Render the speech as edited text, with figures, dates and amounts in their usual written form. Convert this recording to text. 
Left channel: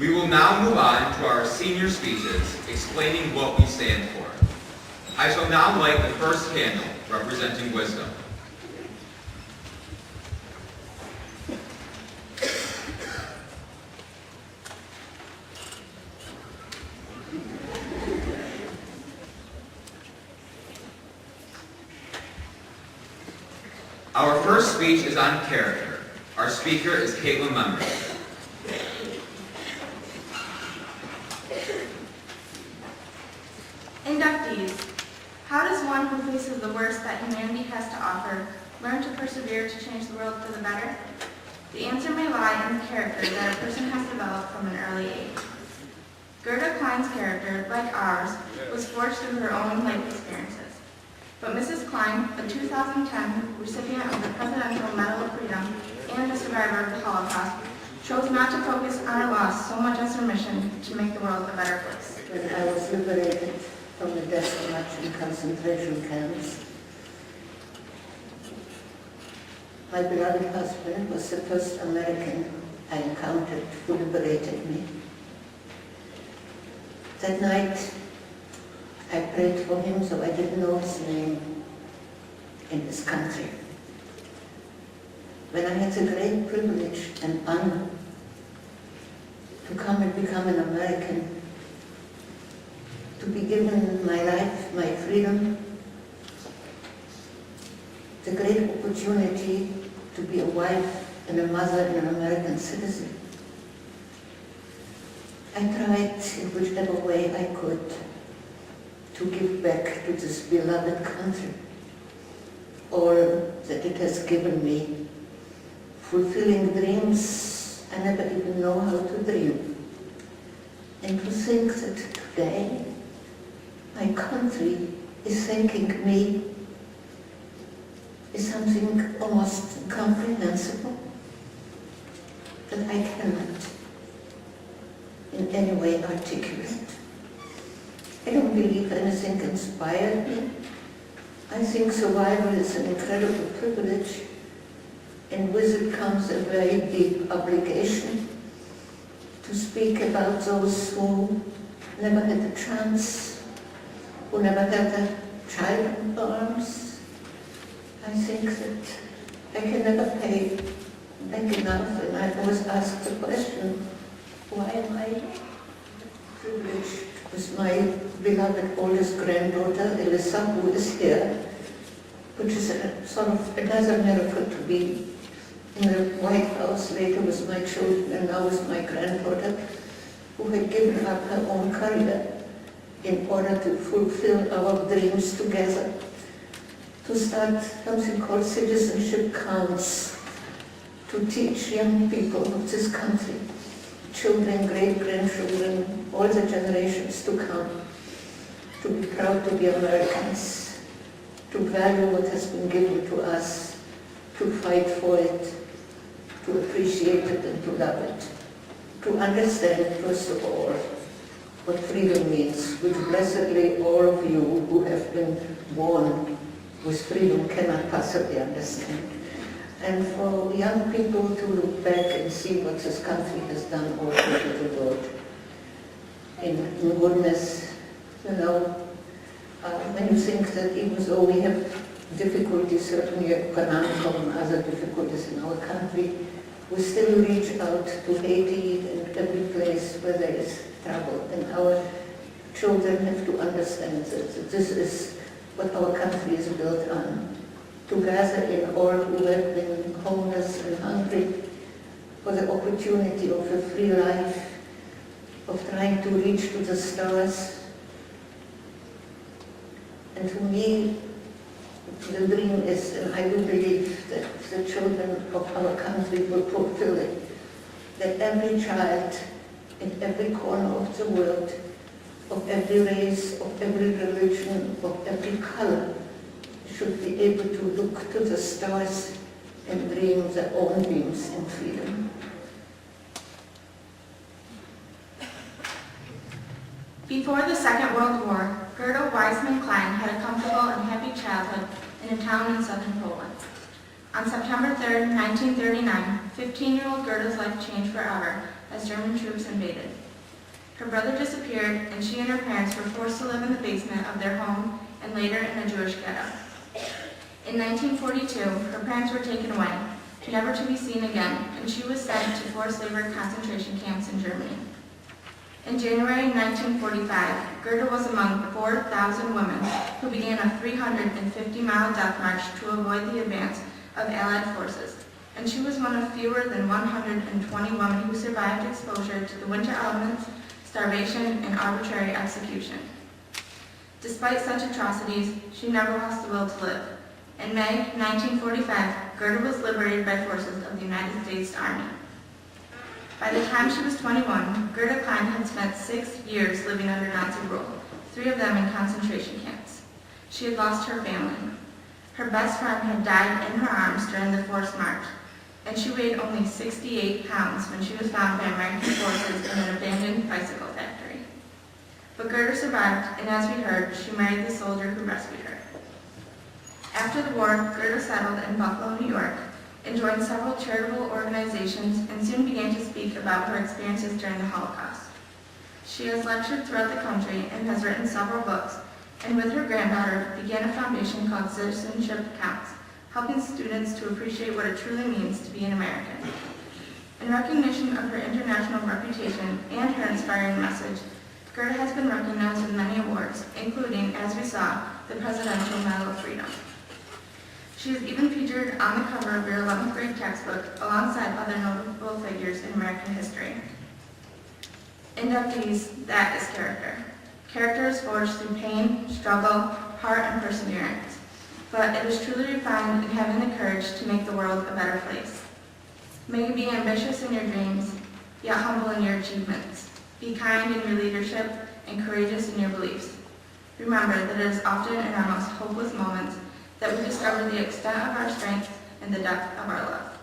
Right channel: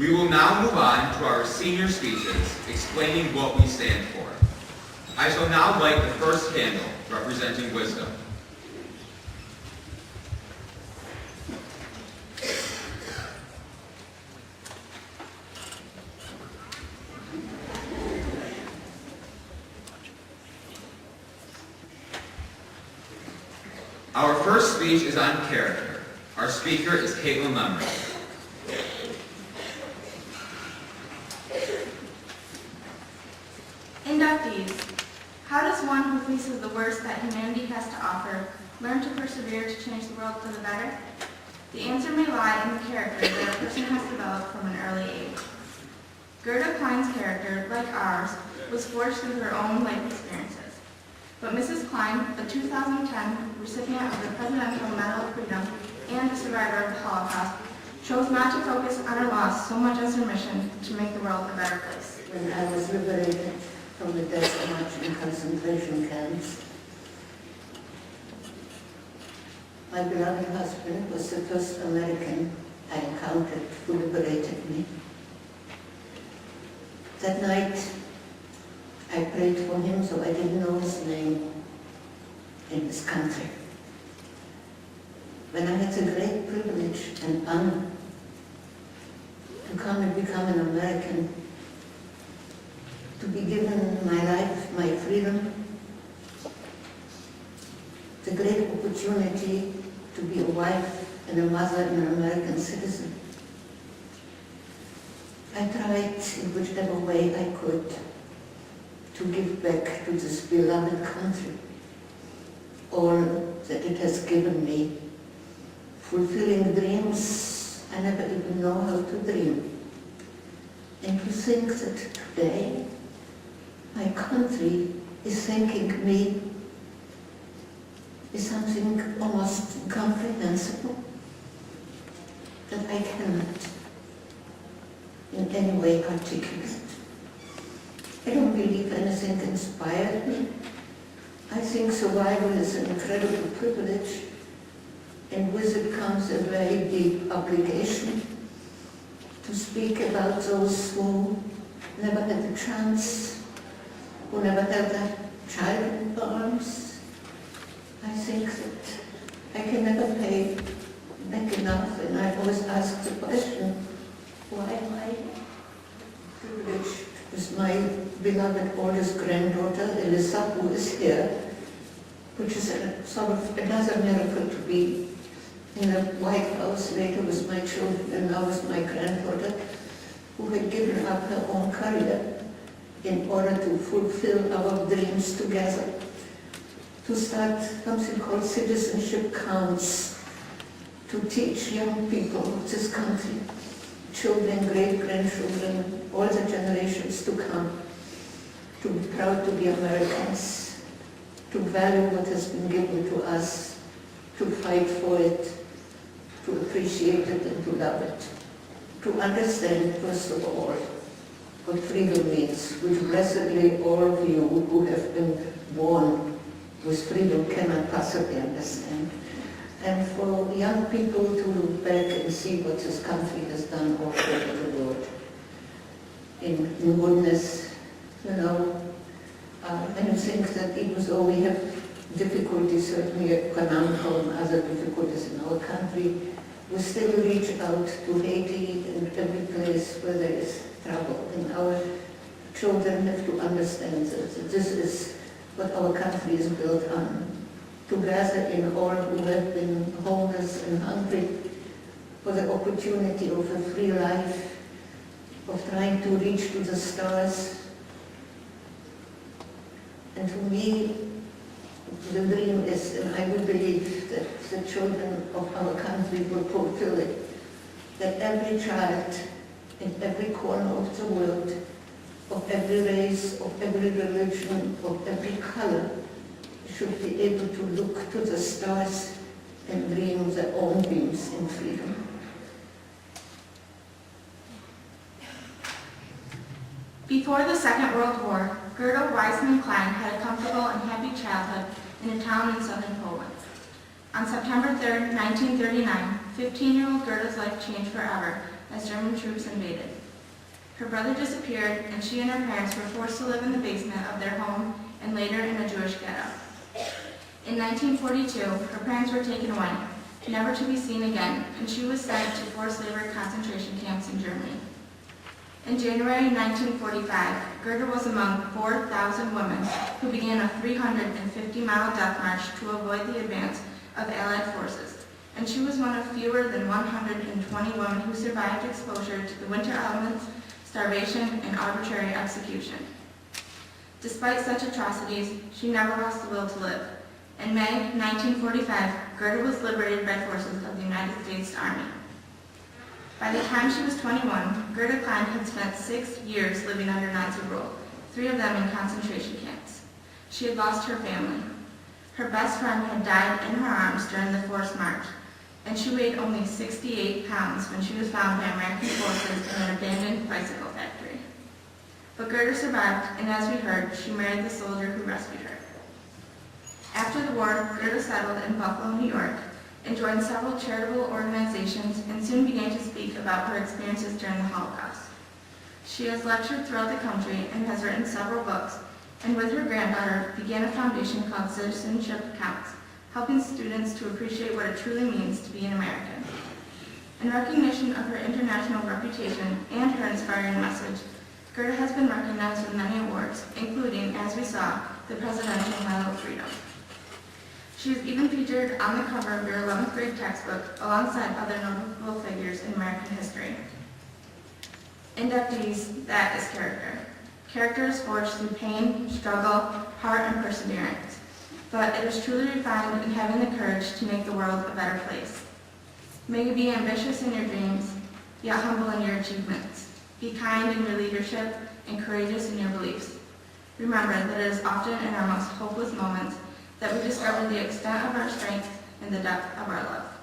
We will now move on to our senior speeches explaining what we stand for. I shall now light the first candle representing wisdom. Our first speech is on character. Our speaker is Caitlin Lemry. Inductees. How does one who faces the worst that humanity has to offer learn to persevere to change the world for the better? The answer may lie in the character that a person has developed from an early age. Gerda Klein's character, like ours, was forged through her own life experiences. But Mrs. Klein, a 2010 recipient of the Presidential Medal of Freedom and a survivor of the Holocaust, chose not to focus on her loss so much as her mission to make the world a better place. When I was liberated from the death march in concentration camps, my beloved husband was the first American I encountered who liberated me. That night, I prayed for him, so I didn't know his name in this country. When I had the great privilege and honor to come and become an American, to be given my life, my freedom, the great opportunity to be a wife and a mother and an American citizen, I tried in whichever way I could to give back to this beloved country all that it has given me, fulfilling dreams I never even know how to dream. And to think that today my country is thanking me is something almost incomprehensible that I cannot in any way articulate. I don't believe anything inspired me. I think survival is an incredible privilege, and with it comes a very deep obligation to speak about those who never had a chance, who never had a child in arms. I think that I can never pay back enough, and I always ask the question, why am I privileged with my beloved oldest granddaughter, Elissa, who is here, which is a sort of another miracle to be in the White House later with my children and now with my granddaughter, who had given up her own career in order to fulfill our dreams together, to start something called Citizenship Counts, to teach young people of this country, children, great-grandchildren, all the generations to come, to be proud to be Americans, to value what has been given to us, to fight for it, to appreciate it and to love it, to understand, first of all, what freedom means, which blessedly all of you who have been born with freedom cannot possibly understand. And for young people to look back and see what this country has done all over the world. In goodness, you know, when you think that even though we have difficulties, certainly economical and other difficulties in our country, we still reach out to Haiti and every place where there is trouble. And our children have to understand that this is what our country is built on. To gather in all who have been homeless and hungry for the opportunity of a free life, of trying to reach to the stars. And to me, the dream is, and I will believe that the children of our country will fulfill it, that every child in every corner of the world, of every race, of every religion, of every color, should be able to look to the stars and dream their own dreams in freedom. Before the Second World War, Gerda Weissman Klein had a comfortable and happy childhood in a town in southern Poland. On September 3, 1939, 15-year-old Gerda's life changed forever as German troops invaded. Her brother disappeared, and she and her parents were forced to live in the basement of their home and later in a Jewish ghetto. In 1942, her parents were taken away, never to be seen again, and she was sent to forced labor concentration camps in Germany. In January 1945, Gerda was among 4,000 women who began a 350-mile death march to avoid the advance of Allied forces, and she was one of fewer than 120 women who survived exposure to the winter elements, starvation, and arbitrary execution. Despite such atrocities, she never lost the will to live. In May 1945, Gerda was liberated by forces of the United States Army. By the time she was 21, Gerda Klein had spent 6 years living under Nazi rule, 3 of them in concentration camps. She had lost her family. Her best friend had died in her arms during the forced march, and she weighed only 68 pounds when she was found by American forces in an abandoned bicycle factory. But Gerda survived, and as we heard, she married the soldier who rescued her. After the war, Gerda settled in Buffalo, New York, and joined several charitable organizations and soon began to speak about her experiences during the Holocaust. She has lectured throughout the country and has written several books, and with her granddaughter began a foundation called Citizenship Counts, helping students to appreciate what it truly means to be an American. In recognition of her international reputation and her inspiring message, Gerda has been recognized with many awards, including, as we saw, the Presidential Medal of Freedom. She is even featured on the cover of your 11th grade textbook alongside other notable figures in American history. Inductees, that is character. Character is forged through pain, struggle, heart, and perseverance. But it is truly refined in having the courage to make the world a better place. May you be ambitious in your dreams, yet humble in your achievements. Be kind in your leadership and courageous in your beliefs. Remember that it is often in our most hopeless moments that we discover the extent of our strength and the depth of our love.